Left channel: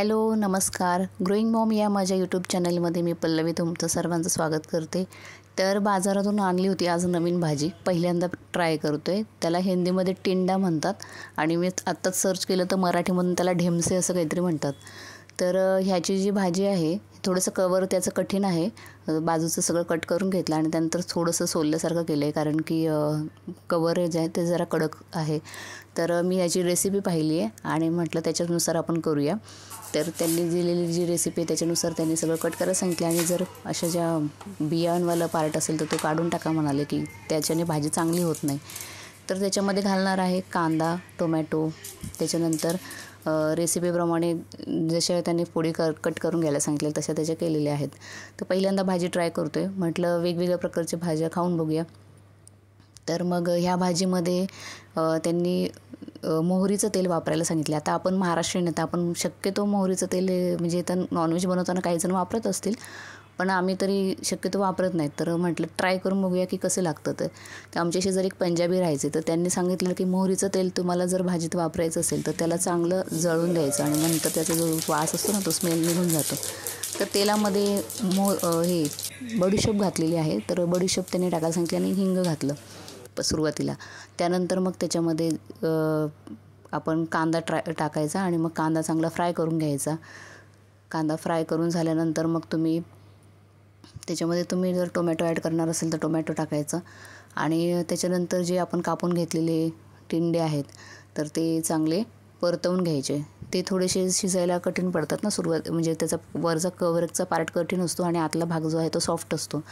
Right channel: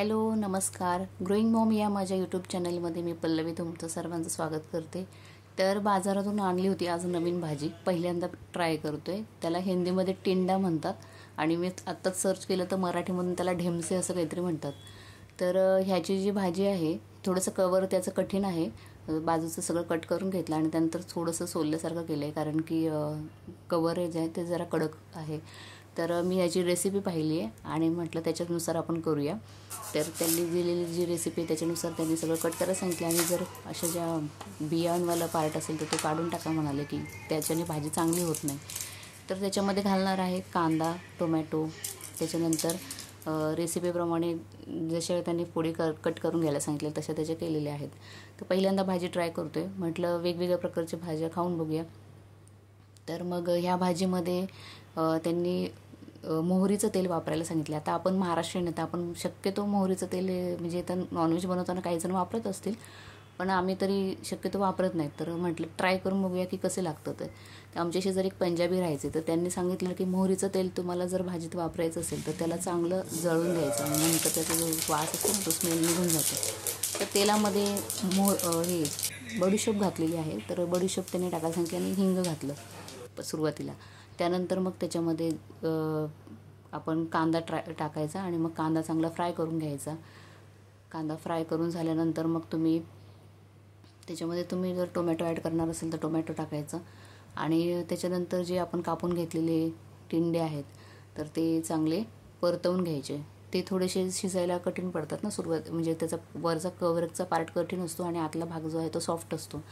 Hello नमस्कार. Growing Maugham या माझ्या यूट्यूब चॅनलमध्ये मी पल्लवी तुमचं सर्वांचं स्वागत करते. तर बाजारातून आणली होती आज नवीन भाजी, पहिल्यांदा ट्राय करतो आहे. त्याला हिंदीमध्ये टिंडा म्हणतात आणि मी आत्ताच सर्च केलं तर मराठीमधून त्याला ढेमसे असं काहीतरी म्हणतात. तर ह्याची जी भाजी आहे थोडंसं कवर त्याचं कठीण आहे. बाजूचं सगळं कट करून घेतलं आणि त्यानंतर थोडंसं सोलल्यासारखं केलं आहे, कारण की कव्हरेज आहे ते जरा कडक आहे. तर मी याची रेसिपी पाहिली आहे आणि म्हटलं त्याच्यानुसार आपण करूया. तर त्यांनी दिलेली जी रेसिपी त्याच्यानुसार त्यांनी सगळं कट करायला सांगितलं आणि जर अशा ज्या बियांवाला पार्ट असेल तर तो काढून टाका म्हणाले, की त्याच्याने भाजी चांगली होत नाही. तर त्याच्यामध्ये घालणार आहे कांदा, टोमॅटो, त्याच्यानंतर रेसिपीप्रमाणे जशा त्यांनी पोळी कट करून घ्यायला सांगितलं तशा त्याच्या केलेल्या आहेत. तर पहिल्यांदा भाजी ट्राय करतो आहे, म्हटलं वेगवेगळ्या प्रकारच्या भाज्या खाऊन बघूया. तर मग ह्या भाजीमध्ये त्यांनी मोहरीचं तेल वापरायला सांगितलं. आता आपण महाराष्ट्रीयन आहे तर आपण शक्यतो मोहरीचं तेल म्हणजे तर नॉनव्हेज बनवताना काही जण वापरत असतील, पण आम्ही तरी शक्यतो वापरत नाही. तर म्हटलं ट्राय करून बघूया की कसं लागतं. तर आमच्या शेजारी एक पंजाबी राहायचे, तर त्यांनी सांगितलं की मोहरीचं तेल तुम्हाला जर भाजीत वापरायचं असेल तर त्याला चांगलं जळून द्यायचं आणि नंतर त्याचा जो वास असतो ना तो स्मेल निघून जातो. तर तेलामध्ये हे बडीशोप घातलेली आहे. तर बडीशोप त्यांनी टाकायला सांगितली आणि हिंग घातलं सुरुवातीला. त्यानंतर मग त्याच्यामध्ये आपण कांदा टाकायचा आणि मग कांदा चांगला फ्राय करून घ्यायचा. कांदा फ्राय करून झाल्यानंतर मग त्याच्यामध्ये जर टोमॅटो ॲड करणार असेल तर टोमॅटो टाकायचं आणि त्याच्यानंतर जे आपण कापून घेतलेले टिंडे आहेत तर ते चांगले परतवून घ्यायचे. ते थोडेसे शिजायला कठीण पडतात ना म्हणजे त्याचा वरचा कव्हरचा पार्ट कठीण असतो आणि आतला भाग जो आहे तो सॉफ्ट असतो.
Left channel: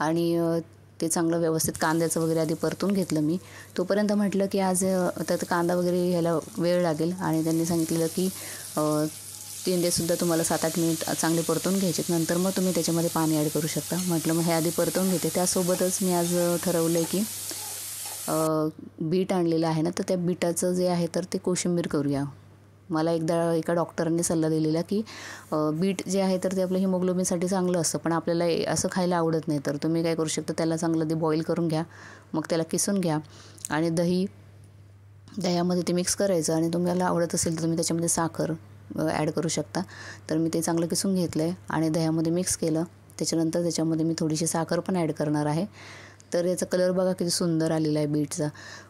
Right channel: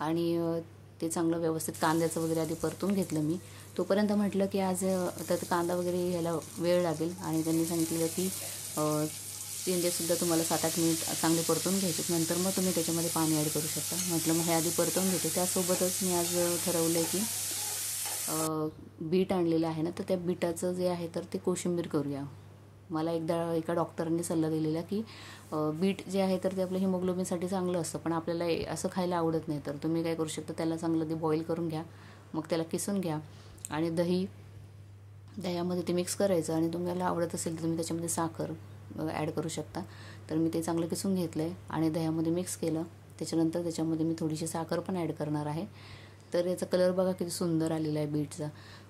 आणि ते चांगलं व्यवस्थित कांद्याचं वगैरे आधी परतून घेतलं मी. तोपर्यंत म्हटलं की आज त्यात कांदा वगैरे ह्याला वेळ लागेल आणि त्यांनी सांगितलेलं की टिंडेसुद्धा तुम्हाला 7-8 मिनिट चांगले परतून घ्यायचे, नंतर मग तुम्ही त्याच्यामध्ये पाणी ॲड करू शकता. म्हटलं मग हे आधी परतवून घेते. त्यासोबतच मी आज ठरवलं आहे की बीट आणलेलं आहे ना, तर त्या बीटाचं जे आहे तर ते कोशिंबीर करूया. मला एका डॉक्टरांनी सल्ला दिलेला की बीट जे आहे तर ते आपलं हिमोग्लोबिनसाठी चांगलं असतं, पण आपल्याला असं खायला आवडत नाही. तर तुम्ही काय करू शकता, त्याला चांगलं ते बॉईल करून घ्या, मग त्याला किसून घ्या आणि दह्यामध्ये ते मिक्स करायचं आणि तुम्हाला आवडत असेल तर तुम्ही त्याच्यामध्ये साखर ॲड करू शकता. तर मी ते चांगलं किसून घेतलं आहे आणि दह्यामध्ये मिक्स केलं. त्याच्यानंतर त्याच्यामध्ये मी थोडीशी साखर पण ॲड करणार आहे. तर याचा कलर बघा किती सुंदर आलेला आहे बीटचा.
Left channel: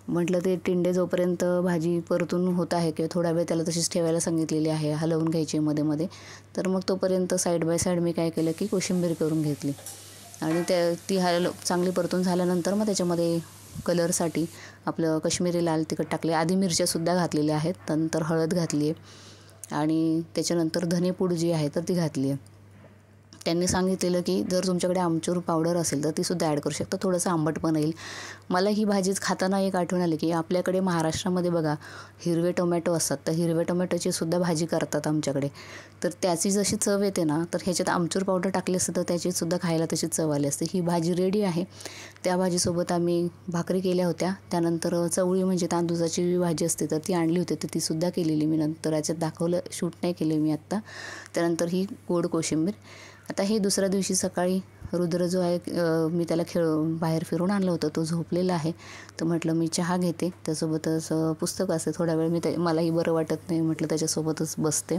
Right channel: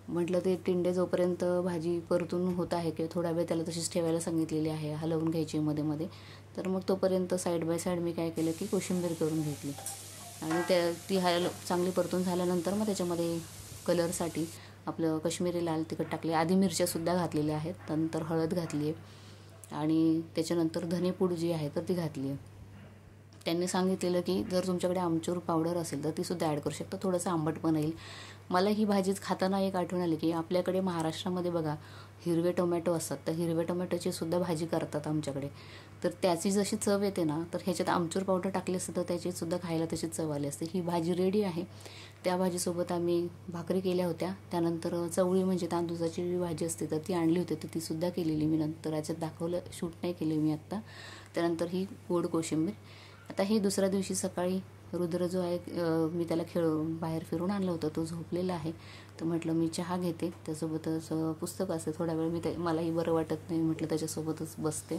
म्हटलं ते टिंडे जोपर्यंत भाजी परतून होत आहे किंवा थोडा वेळ त्याला तशीच ठेवायला सांगितलेली आहे, हलवून घ्यायची मध्ये तर मग तोपर्यंत साईड बाय साईड मी काय केलं की कोशिंबीर करून घेतली आणि ती चांगली परतून झाल्यानंतर मग त्याच्यामध्ये कलरसाठी आपलं कश्मीरी लाल तिखट टाकले. आधी मिरच्यासुद्धा घातलेल्या आहेत, नंतर हळद घातली आहे आणि त्याच्यानंतर धनेपूड जी आहे तर ती घातली आहे. त्यांनी सांगितलेलं की जर तुमच्याकडे आमचूर पावडर असेल तर तीसुद्धा ॲड करू शकता, थोडंसं आंबट पण येईल. मला ही भाजीच खाताना एक आठवण आली की आपल्याकडे महाराष्ट्रामध्ये बघा हिरवे टोमॅटो असतात, तर हिरव्या टोमॅटोची सुद्धा भाजी करतात आमच्याकडे. तर त्याची जशी चव येते ना, तर ह्याच्यात आमचूर पावडर टाकली असतं तर त्याचीसुद्धा खायला तशी चव आली असते. ही भाजी रेडी आहे. त्या भाजीसोबत आम्ही भाकरी केल्या होत्या. त्यानंतर चवळी म्हणजे तांदूळाची भाजी असते तर ती आणली होती, तर तीसुद्धा केलेली मी. नंतर याच्यात दाखवलं, शूट नाही केले मी आत्ता. त्यानंतर ही गोड कोशिंबीर. आता हे दुसऱ्या दिवशी सकाळी रुद्र जो आहे मी त्याला बाहेर फिरून आणलं होतं, तो झोपलेला आहे. तर म्हटलं मी चहा घेते, त्यासोबतच पुस्तक असते. थोडा वेळ मलाही बरं वाटत नाही, म्हटलं त्याच्यासोबतच बसते.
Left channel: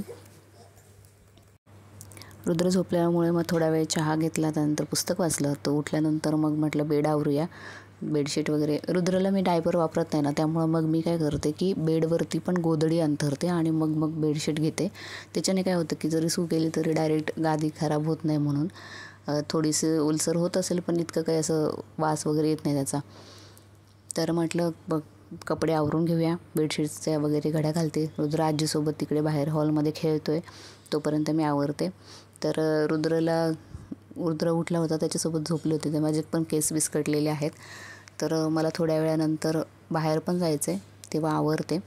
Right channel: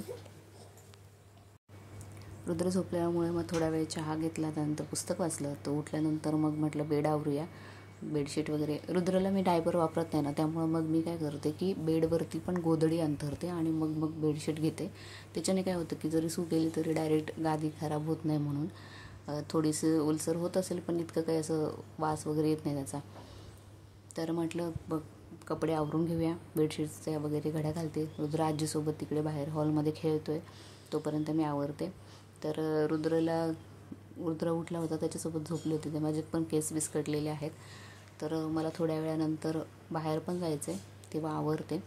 रुद्र झोपल्यामुळे मग थोडा वेळ चहा घेतला, त्यानंतर पुस्तक वाचलं. तो उठल्यानंतर मग म्हटलं बेड आवरूया, बेडशीट वगैरे. रुद्रला मी डायपर वापरत नाही ना, त्यामुळं मग मी काय करते की बेडवरती पण गोधडी अंथरते आणि मग बेडशीट घेते. त्याच्याने काय होतं की जरी सू केली तरी डायरेक्ट गादी खराब होत नाही म्हणून. थोडीशी ओलसर होत असेल पण इतकं काही असं वास वगैरे येत नाही त्याचा. तर म्हटलं कपडे आवरून घेऊया, बेडशीट्सच्या वगैरे घड्या घालते. रुद्र आजीसोबत तिकडे बाहेर हॉलमध्ये खेळतो आहे, तोपर्यंत मी आवरते. तर रुद्र उठला होता, त्याच्यासोबत झोपले होते. ते माझे पण केस विस्कटलेले आहेत. तर मला थोड्या वेळानंतर बाहेर पण जायचं आहे, तेव्हा आवरते.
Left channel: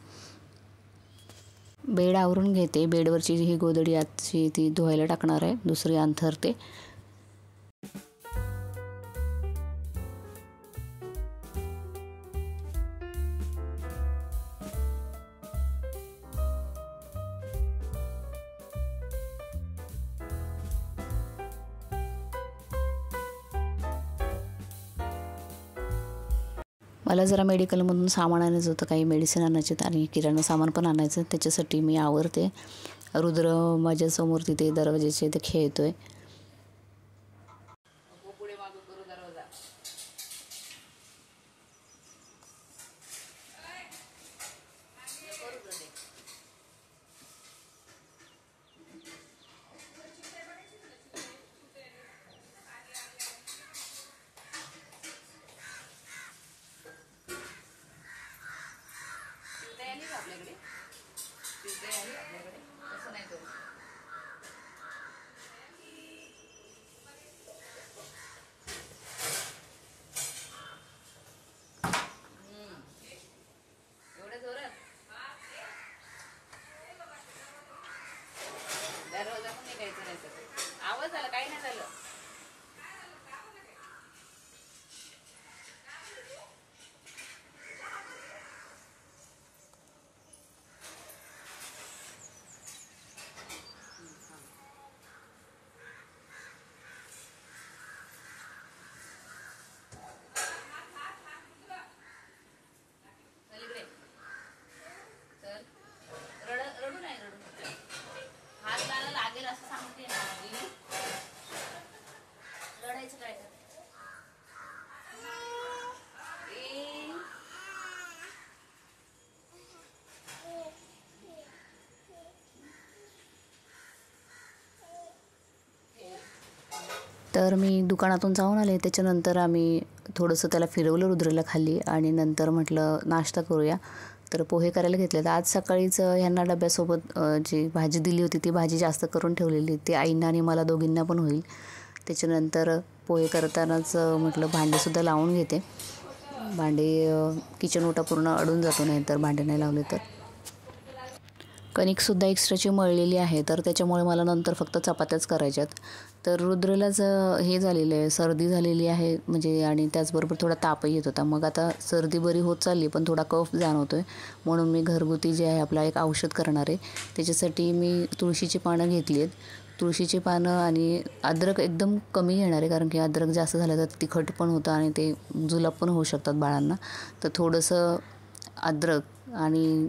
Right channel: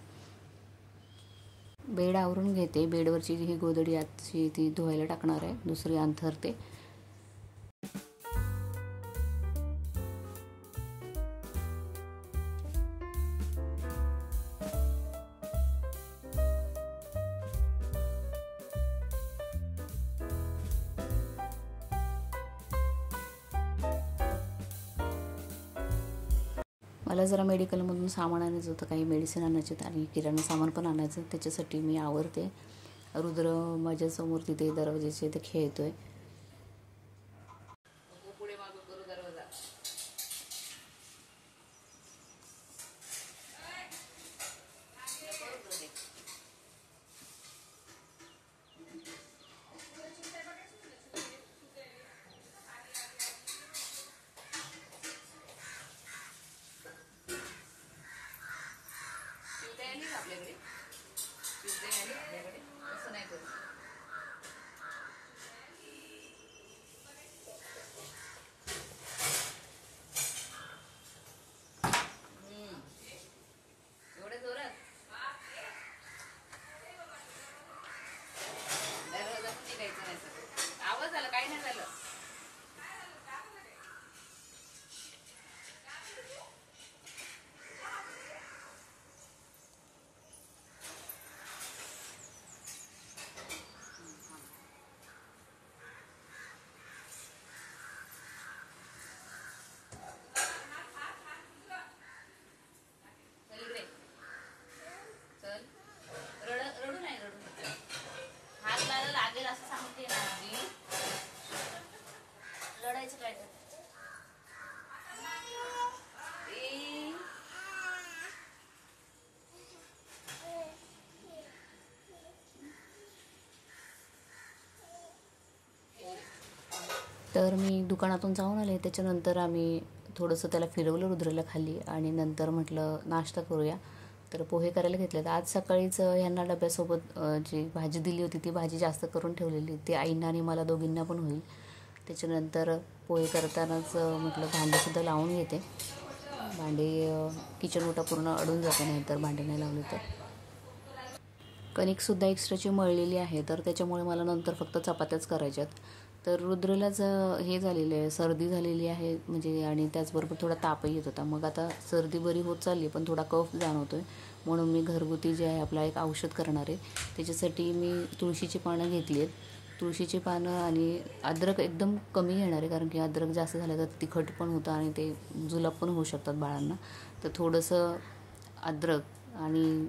बेड आवरून घेते. बेडवरची ही गोधडी आजची ती धुवायला टाकणार आहे, दुसरी अंथरते. मला जरा मेडिकलमधून सामान आणायचं होतं, काही मेडिसिन आणायचे आणि किराणा सामान पण आणायचं. त्याच्यासाठी मी आवरते रुद्र माझ्यासमोर तिथे दरवाजाच्या इथे खेळतोय. आवाज आला, काही नाही झालं. रडू नाही, हात मला लागेल असं सांगते ना मी. रडायचं काय तर. तर मी दुकानातून जाऊन आले. त्याच्यानंतर आम्ही थोडंसं त्याला फिरवलं रुद्रला खाली आणि नंतर म्हटलं नाश्ता करूया. तर पोहे करायला घेतले. तर आज सकाळीच ह्यांना डब्यासोबत जी भाजी दिली होती ती भाजी जास्त करून ठेवलेली, ती आईंना आणि मला दोघींना पण होईल. त्याच्यानंतर पोहे करतानाच म्हटलं भांडेसुद्धा लावून घेते. भांडे किचन ओटा पूर्ण अडून जातो, नाही तर भांडे नाही लावले तर. कणिकसुद्धा एक्स्ट्राची मळलेली आहे, तर त्याच्यामुळे मला नंतर फक्त चपात्याच करायच्यात. तर रुद्रलाच हे झालेलं आहे, सर्दी झालेली आहे म्हणजे, आणि त्याचबरोबर थोडा तापही येत होता. मग आता सर्दी बरी होत चालली पण थोडा कफ जाणवतो आहे, म्हणून मी घरगुती जे आहे आपला एक औषध करणार आहे. त्याच्यासाठी मी तुळशीची पानं घेतली आहेत. तुळशीची पानं आणि अद्रक एकदम कमी घेणार आहे, कारण की अद्रक जास्त झालं तर तिखट पण होतं आणि ते जुलाब पण होऊ शकतात बाळांना. तर थोडंसं अद्रक आणि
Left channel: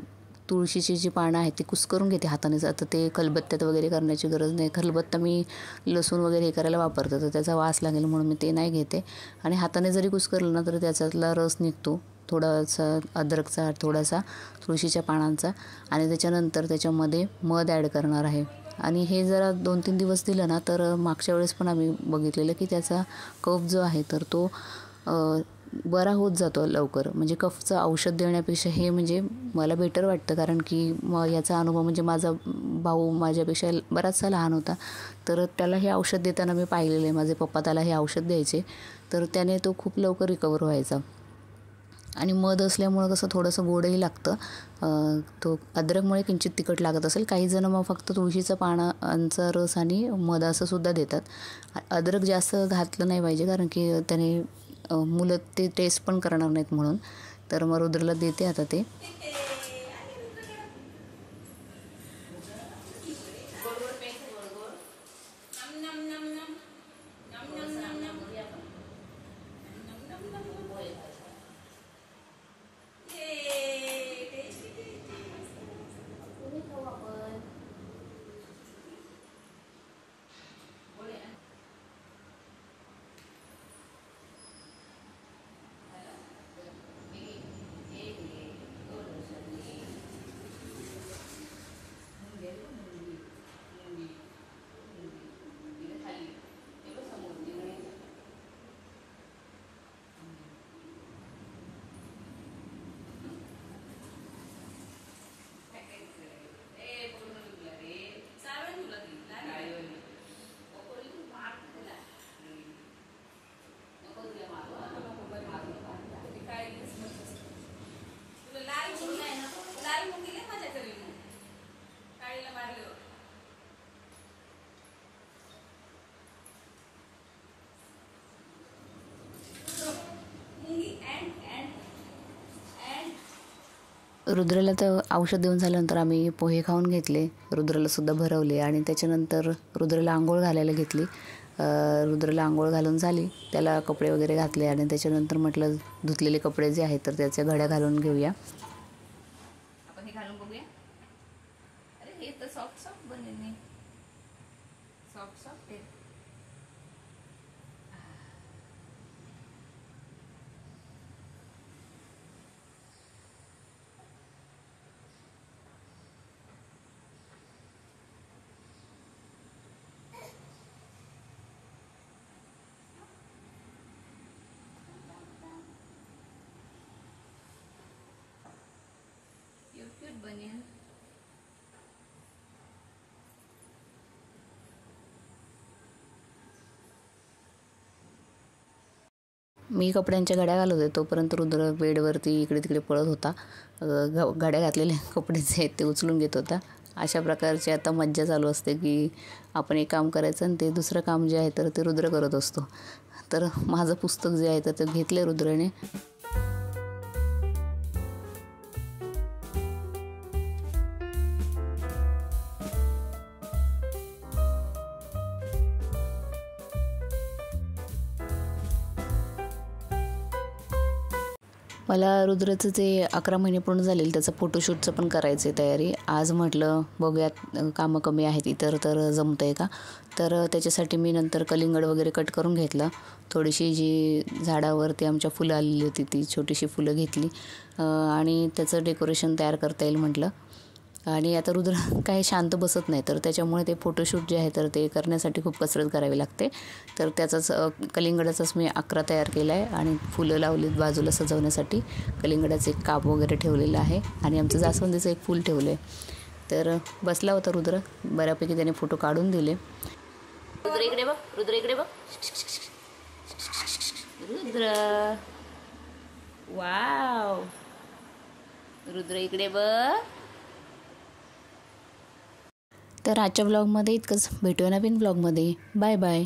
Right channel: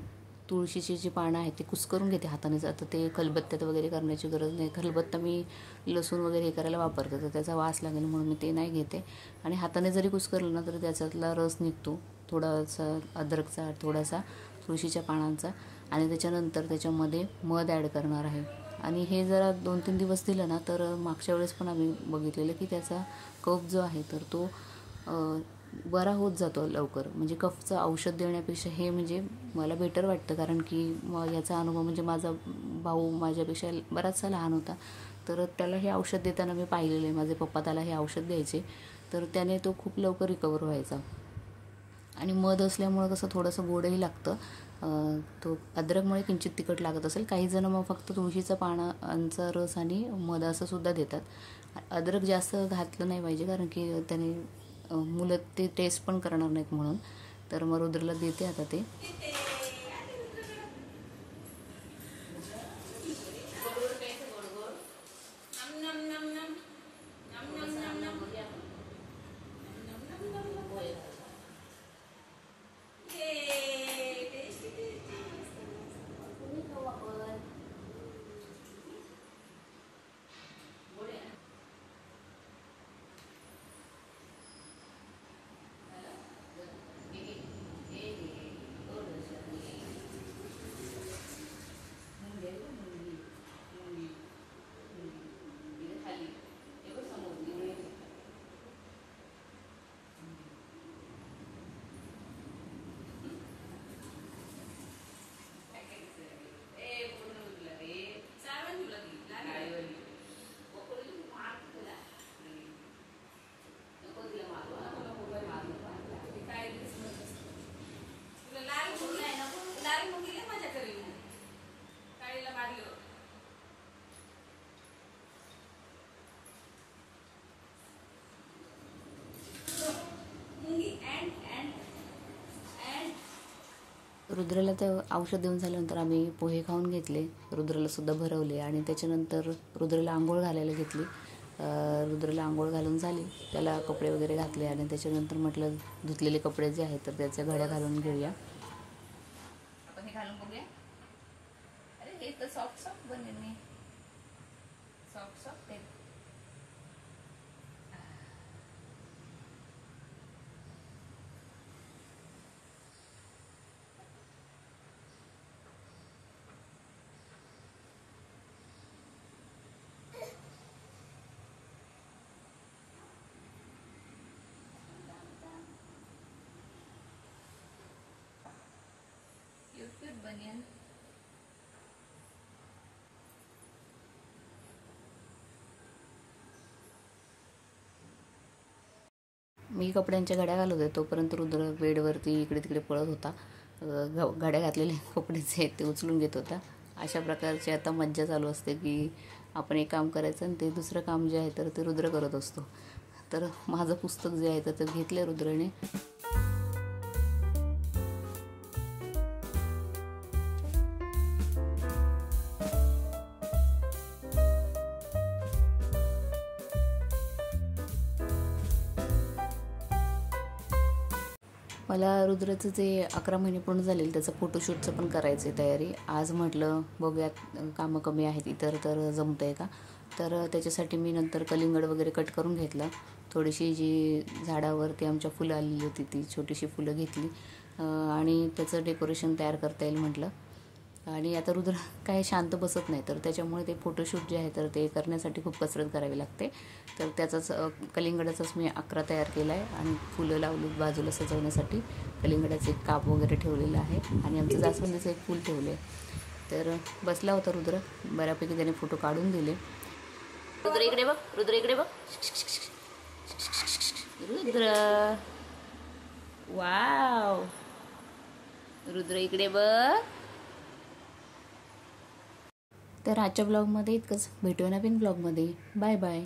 तुळशीची जी पानं आहेत ती कुस्करून घेते हातानेच. आता ते खलबत्त्यात वगैरे करण्याची गरज नाही. खलबत्ता मी लसूण वगैरे हे करायला वापरतो, तर त्याचा वास लागेल म्हणून मी ते नाही घेते. आणि हाताने जरी कुस्करलं ना तरी त्याच्यातला रस निघतो, थोडासा अद्रकचा, थोडासा तुळशीच्या पानांचा. आणि त्याच्यानंतर त्याच्यामध्ये मध ॲड करणार आहे. आणि हे जरा 2-3 दिवस दिलं ना तर मागच्या वेळेस पण आम्ही बघितलेलं की त्याचा कफ जो आहे तर तो बरा होत जातो लवकर. म्हणजे कफचं औषध देण्यापेक्षा हे म्हणजे मला बेटर वाटतं, कारण की याचा अनुभव म्हणजे माझा भाऊ माझ्यापेक्षा बराचसा लहान होता, तर त्याला हे औषध देताना मी पाहिलेलं आहे. माझे पप्पा त्याला हे औषध द्यायचे, तर त्याने तो खूप लवकर रिकवर व्हायचा. आणि मध असल्यामुळं कसं थोडंसं गोडही लागतं. तो अद्रकमुळे किंचित तिखट लागत असेल. काही जण मग फक्त तुळशीचा पानांचा रस आणि मध असं सुद्धा देतात. अद्रक जास्त घातलं नाही पाहिजे, कारण की त्याने मुलं ते टेस्ट पण करणार नाहीत म्हणून. तर मग रुद्रला देते आता ते. रुद्रला तर औषध देऊन झाल्यानंतर आम्ही पोहे खाऊन घेतले. रुद्रला सुद्धा भरवले आणि त्याच्यानंतर रुद्रला आंघोळ घालायला घेतली. रुद्रला आंघोळ घालून झाली, त्याला कपडे वगैरे घातले आणि त्याच्यानंतर म्हटलं धुतलेले कपडे जे आहेत तर त्याच्या घड्या घालून घेऊया. आपण हे घालून बघूया. अरे हे तर सॉफ्ट सॉफ्ट बनेल. सॉफ्ट सॉफ्ट आहे. क्यूट बनेल. मी कपड्यांच्या घड्या घालत होते तोपर्यंत रुद्र बेडवरती इकडे तिकडे पळत होता. घड्या घातलेले कपडे जे आहेत ते उचलून घेत होता. अशा प्रकारची आता मज्जा चालू असते की आपण एक काम करायचं आणि ते दुसरं काम जे आहे तर ते रुद्र करत असतो. तर माझं पुस्तक जे आहे तर ते घेतलं रुद्राने. मला रुद्राचं जे 11 महिने पूर्ण झालेलं त्याचं फोटोशूटचं पण करायचं आहे तयारी. आज म्हटलं बघूयात कामं कमी आहेत इतर तर जमतं आहे का. तर त्याच्यासाठी मी नंतर कलिंगड वगैरे कट करून घेतलं. थोडीशी जी झाडावरती आमच्या फुलं आलेली होती ती छोटीशी फुलं घेतली आणि त्याचं डेकोरेशन तयार करता येईल म्हटलं. आणि आता रुद्र काय शांत बसत नाही तर त्याच्यामुळे ते फोटोशूट जे आहे तर ते करण्यासाठी खूप कसरत करावी लागते. तर त्याचाच कलिंगडाचाच मी 11 तयार केला आहे आणि फुलं लावलीत बाजूला सजवण्यासाठी. कलिंगडाचे एक काप वगैरे ठेवलेलं आहे आणि आमचं जास्वंदीचं एक फूल ठेवलं आहे. तर बसला होता रुद्र. बऱ्यापैकी त्याने फोटो काढून दिले. रुद्र इकडे बघ. रुद्र इकडे बघ. रुद्र वाव. रुद्र इकडे बघ. तर आजच्या ब्लॉगमध्ये इतकंच. भेटूया नवीन ब्लॉगमध्ये. Bye bye.